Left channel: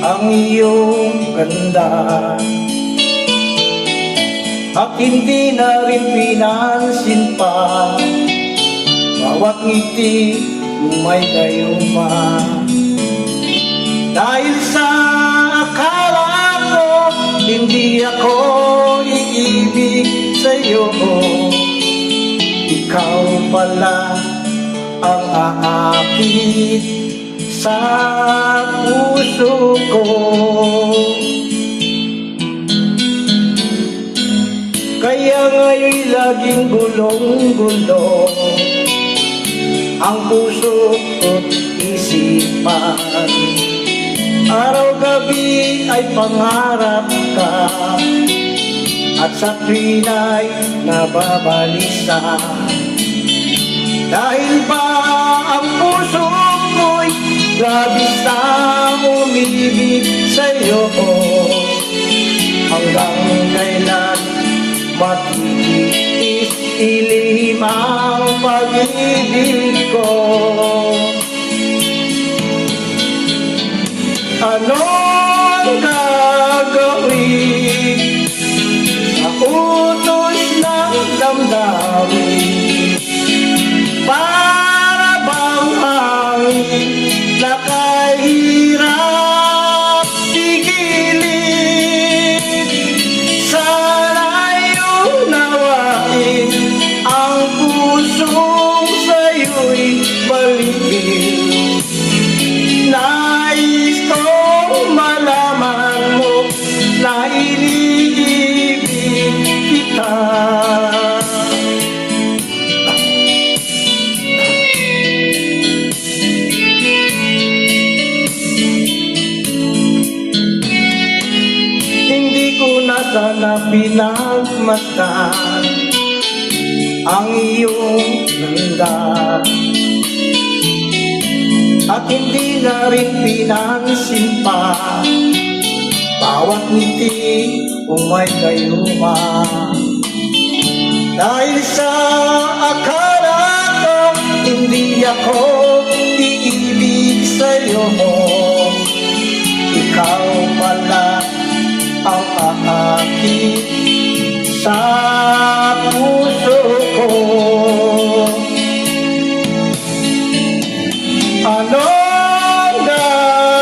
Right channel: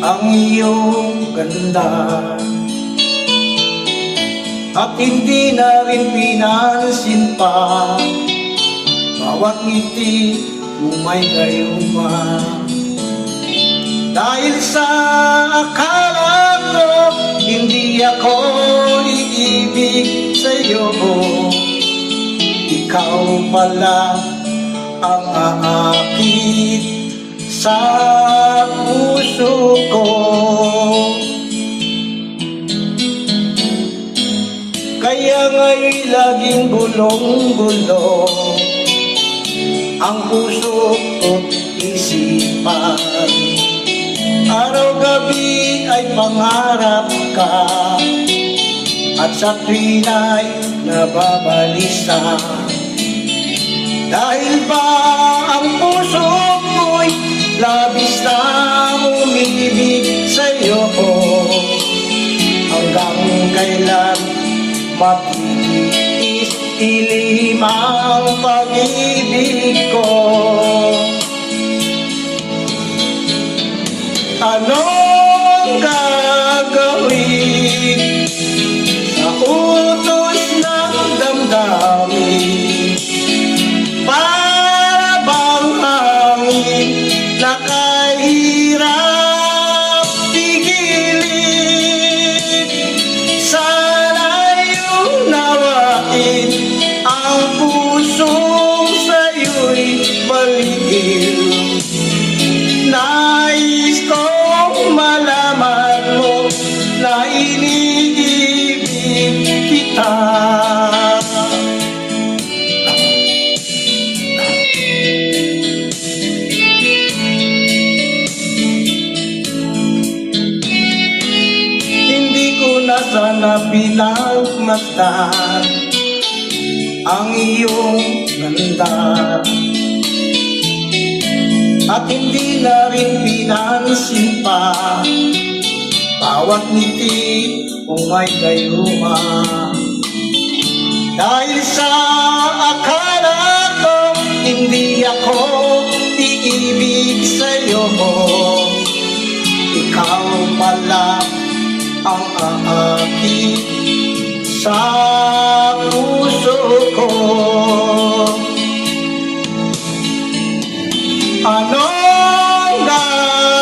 ang iyong ganda, at hindi na rin pinansin pa bawat ngiti lumay gayuma. Dahil sa akala ko hindi ako iibig sa'yo, ikaw pala ang aakit sa puso ko. Kaya nga'y laging gulong-gulong ang puso ko't isipan. Araw-gabi ay pangarap ka, at sa tuwin ay nababalisa. Dahil ba ang puso ko'y labis na umibig sa'yo, hanggang kailan matitiis ilim ang pag-ibig ko? Anong gagawin sa utos ng damdamin? Para bang hangin na kahirap pigilin? Sana'y unawain ang pusong sa'yo'y baliw. Nais kong malaman mo na iniibig kita. Hindi ko na sana pinagmasdan ang iyong ganda, at hindi na rin pinansin pa bawat ngiti umay gayuma. Dahil sa akala ko hindi ako iibig sa'yo, ikaw pala ang aakit sa puso ko. Anong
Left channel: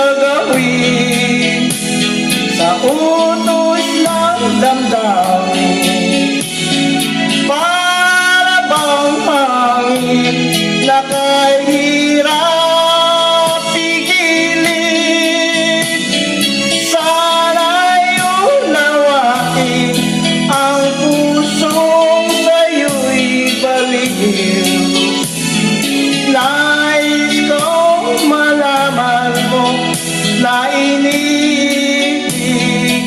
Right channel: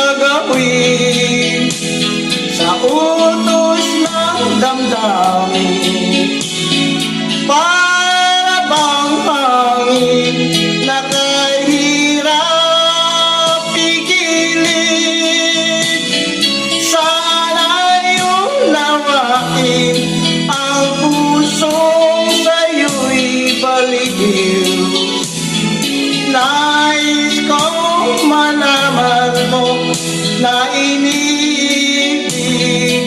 gagawin sa utos ng damdamin? Para bang hangin na kahirap pigilin? Sana'y unawain ang pusong sa'yo'y baliw. Nais kong malaman mo na iniibig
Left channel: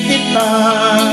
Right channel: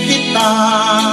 kita.